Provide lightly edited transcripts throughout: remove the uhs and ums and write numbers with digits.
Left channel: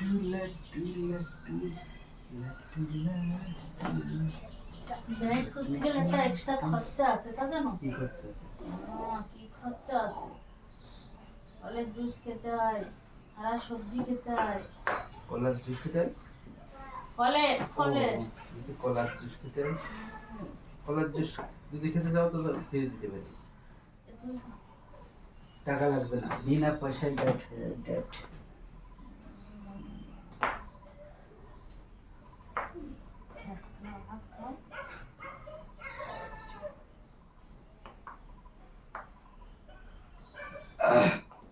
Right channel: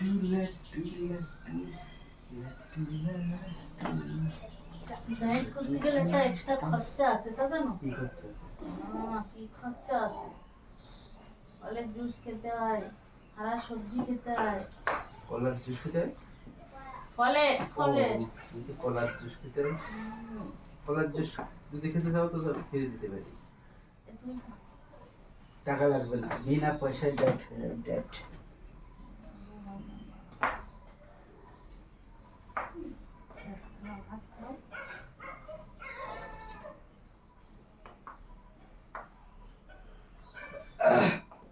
Laddu laddu laddu laddu. Diet করতে গেলে একটা এক্সট্রা খরচা আছে, তা জানো? কি খরচা আছে? কি খরচা আছে? ফলের জুস খেতে হয়, হারা সবজি খেতে হয়। কলার জুস খেতে হয়? ফলে ফলে যদি কলার জুস খেতে হয়, কলার জুস যদি খেতে চাও তো ফিরে দিতে পারি, টাকা লাগবে না, বিনা পয়সায় ডায়েট হয়ে যাবে। ডায়েট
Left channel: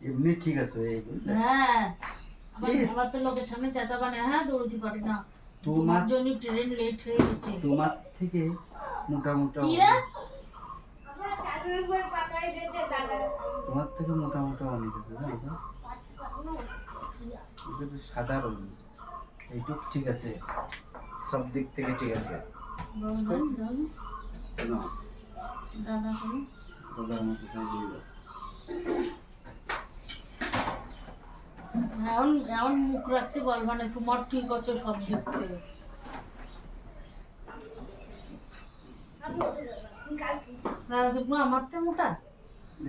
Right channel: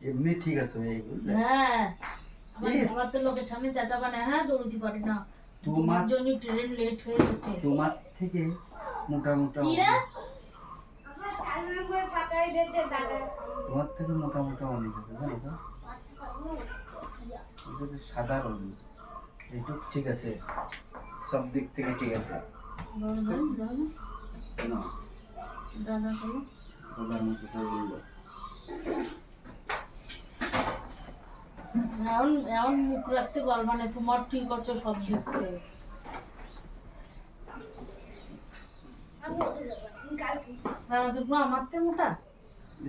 এমনি ঠিক আছে এইগুলো। হ্যাঁ, আমার তো লোকের সামনে চাচা বানায়, হ্যাঁ দৌড়তে পারি না, তোমার জন্য ট্রেন লেট হয়ে গেছে। তোমার থেকে মোটা মোটা কি রে? তোমার থেকে মোটা মোটা অনেক আছে, জানো তো? সাধারণ এইটুক ঠিক আছে, সব দিক থেকে ঠিক আছে। না দাদা কোনো দাদার মতো তাই বললো। এমন এমন মুখ রাখতে পারবা না, তোমার ঠিক আছে সব দিক থেকে। আমার তো মোটা,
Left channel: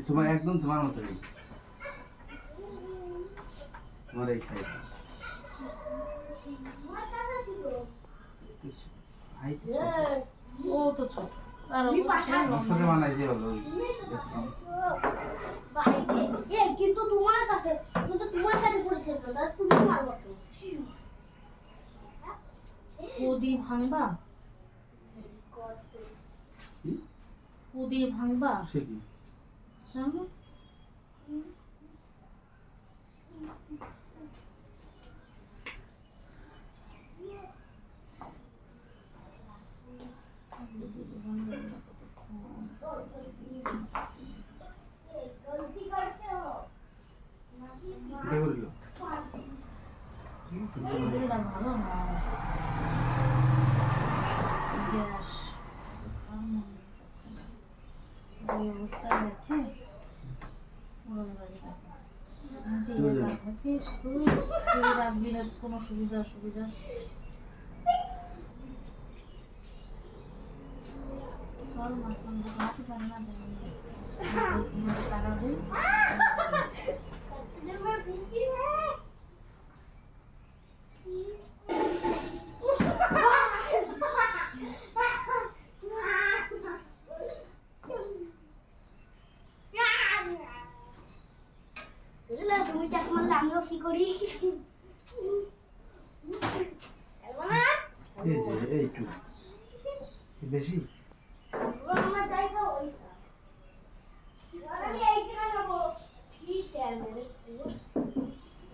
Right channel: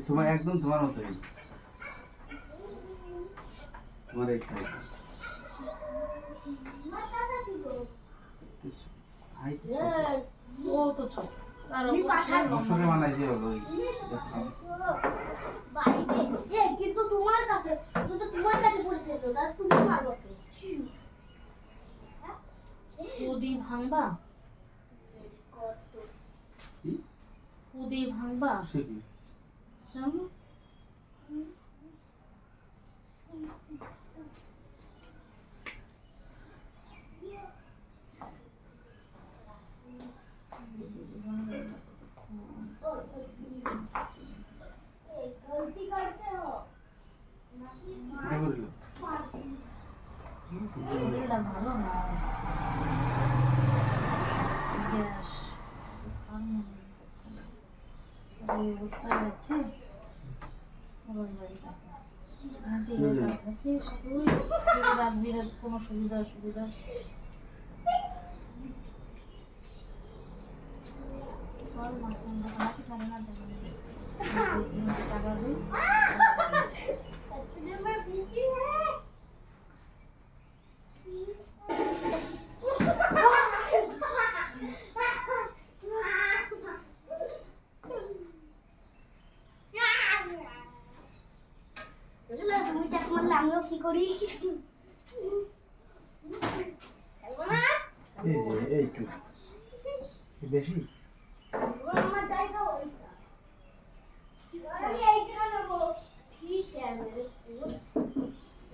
তোমার একদম তোমার মতোই, তোমার এই সাইড ও তো ছোট, মশলা বানাইছে হলো কিন্তু তোমার কাছে পড়েছে তো, তুমি মারবো তো। কুদি ভাঙবা, কুদি ভাঙবা জানো? এটা ভালো না, গ্যাস এই অবস্থায় রেখে ওর বাড়ি থাকা। আজই একা থাকিস তুই, তুই রাখবি না কোনো সুবিধা অসুবিধা? চল মাটি পারে না, টাকা দিই। তুমি চাক মারলে আমিও কি করি? এই যে এইটু বেশি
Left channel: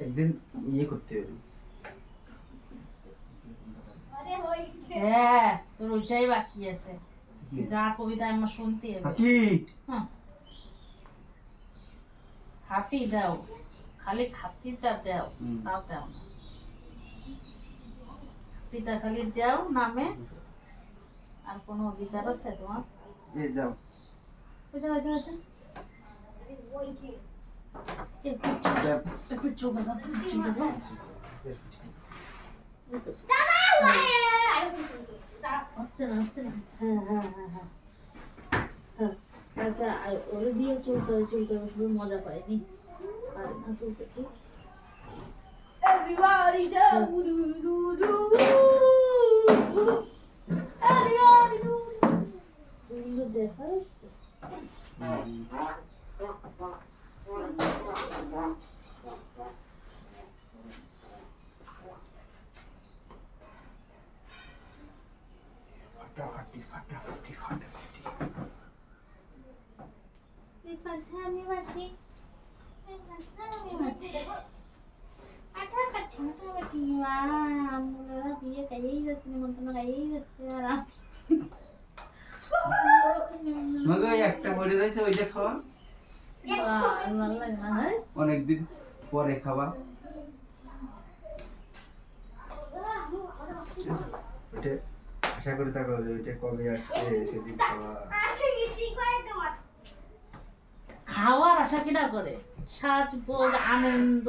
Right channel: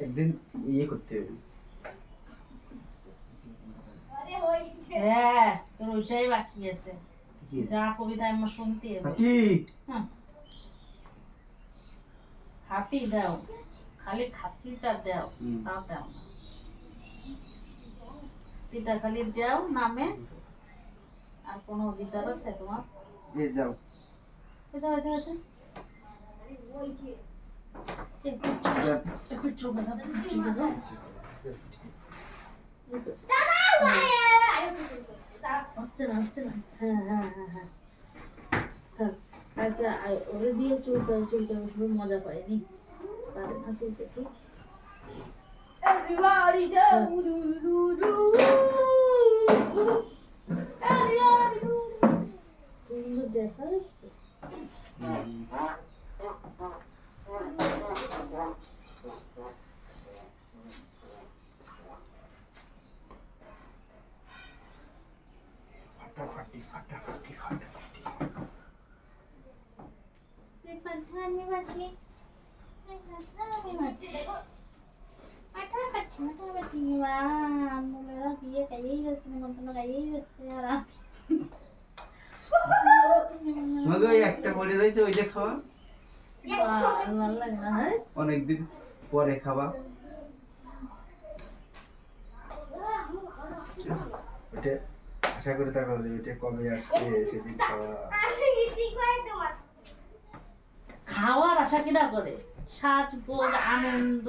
একদিন ইয়ে করতে হবে। হ্যাঁ, তোর ওইটাই বাকি আছে, যা কবিতা আমার শুনতে হবে। খাতি দাও, খালি খাতিটা দাও, তা দাও না, খাতিটা খালি দাও নামে। আর কোনো অধিকার আছে তোমার? এই যাও ওইটা ওইটা ওইটা একটু চোখে দাও, চোখে দাও। হচ্ছে না, হচ্ছে না। হ্যাঁ হ্যাঁ হ্যাঁ হ্যাঁ, কালকে ওরে দিয়ে চুলটা চুলটা খুব মজা পাইনি, পারে না চুলটা কি। দেখা যাচ্ছে ফাটাফাটি ফাটাফাটি ফাটাফাটি আমি মাটি বিয়ে খাইয়েই যাচ্ছে, নিমন্ত্রণ খাইয়েই যাচ্ছে। আর তোমাকে ওই একটা পড়ে রয়েছে ওইটা খাওয়া ভালো লাগে না? হ্যাঁ, অনেকদিন পরে খাওয়া, ওইটা আশা করে থাকো ওইটা কবে আসবে সেদিন খাওয়া। খাওয়ার আশা কিনা করে, সাজগোজ আনন্দ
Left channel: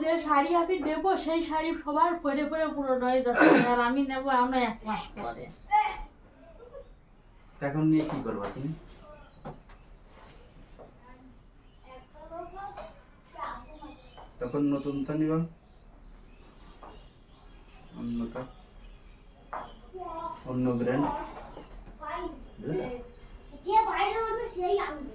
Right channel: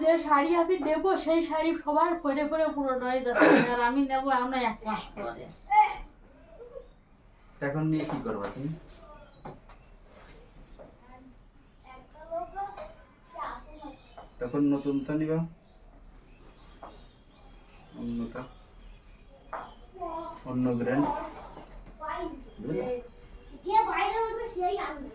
যে শাড়ি আমি নেব সেই শাড়ি সবার পরে পরে পুরনো হয়ে যাচ্ছে, আর আমি নেব আমরা 1 মাস পরে। এখন নিয়ে কি করবা তুমি? তখন নতুনটা নিবা, অন্যটা, অন্য ব্র্যান্ড। যে বাইরে হবে সেই আনবে।